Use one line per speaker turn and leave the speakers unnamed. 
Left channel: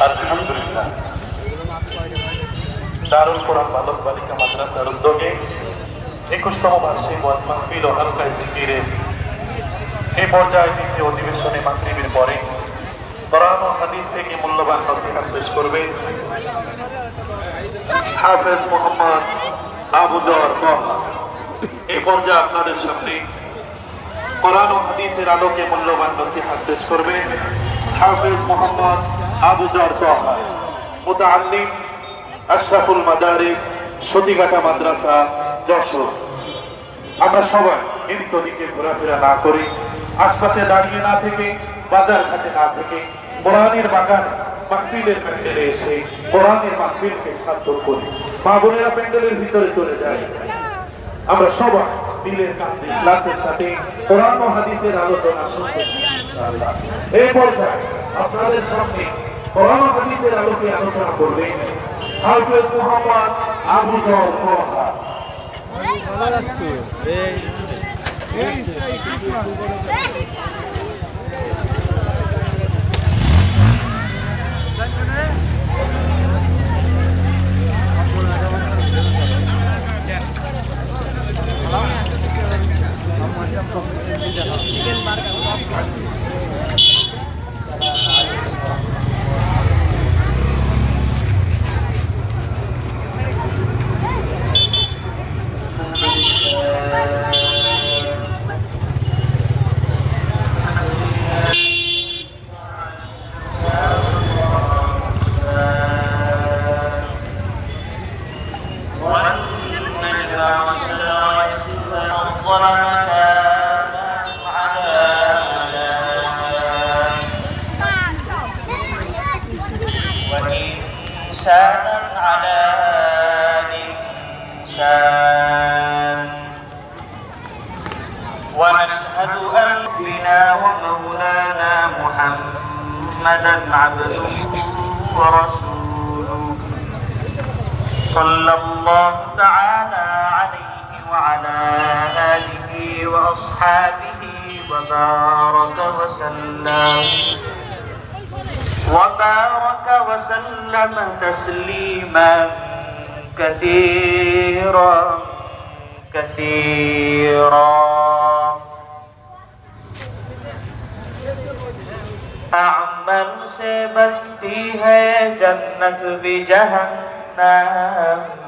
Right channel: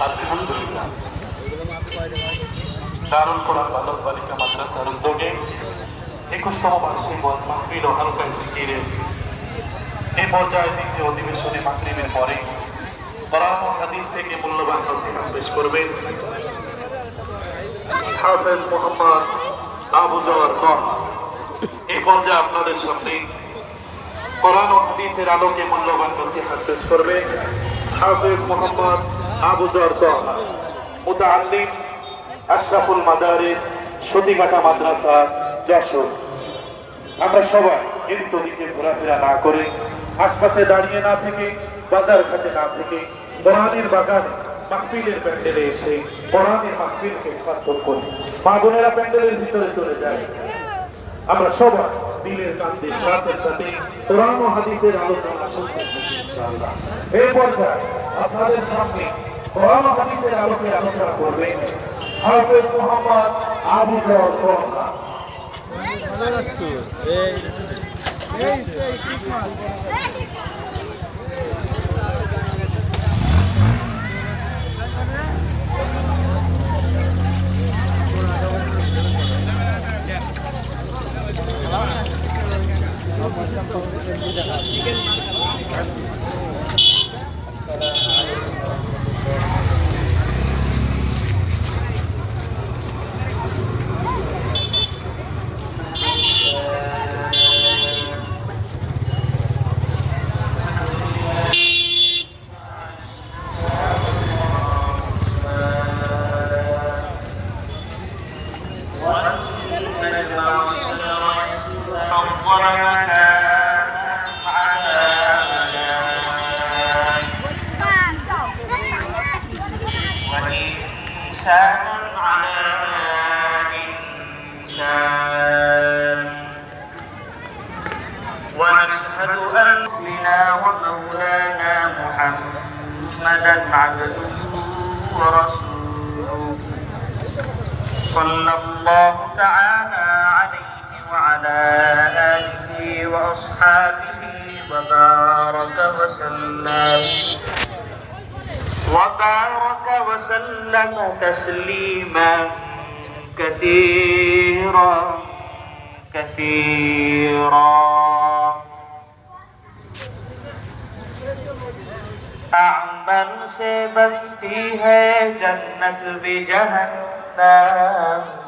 আলহামদুলিল্লাহ। দারুল কোরআন বালক বালিকা মাদ্রাসার উদ্যোগে একুশতম বার্ষিক ওয়াজ মাহফিল হালকা জিকিরের এই পর্যায়ে দ্বিতীয় অধিবেশনে মাতৃবীর পরে কোরআন হাদিস থেকে মূল্যবান হস্তক্ষেপ পেশ করবেন হাফেজ মোহাম্মদ আবু জর এই পর্যায়ে আপনাদের সামনে কোরআন ও হাদিসের আলোকে মূল্যবান নসিহত পেশ করবেন হাফেজ মোহাম্মদ আবু জর মুতাআল্লিম আশরাফুল মাদারিস, সতীঘাটা মাদ্রাসা, যশোর। আমরা সবাই এদিক ওদিকে ঘোরাফেরা না করে, আশপাশে দাঁড়িয়ে না থেকে, বাজার ঘাটে না থেকে, কোরআনের বাগানে মাহফিলের প্যান্ডেলে এসে কোরআনের মাহফিলকে সার্থক করি। মা বোনেরা প্যান্ডেলের ভিতরে চলে যায়। আমরা সবাই দিলের কান্দে ক্লাসের সাথে কোরআন ও হাদিসের আলোচনা শুনতে এই পর্যায়ে আপনাদের সামনে কোরআন ও হাদিসের আলোকে আলোচনা করবে হাফেজ মোহাম্মদ আবু জর কোরআন
ভালো
وإنسان على إنسان ونشهد أن بنا ومولانا محمدا عبده ورسوله. صلى الله تعالى عليه وعلى آله وأصحابه وبارك وسلم. وبارك وسلم تسليما كثيرا كثيرا اعمل سے بنتی ہے جنت بھی جہنم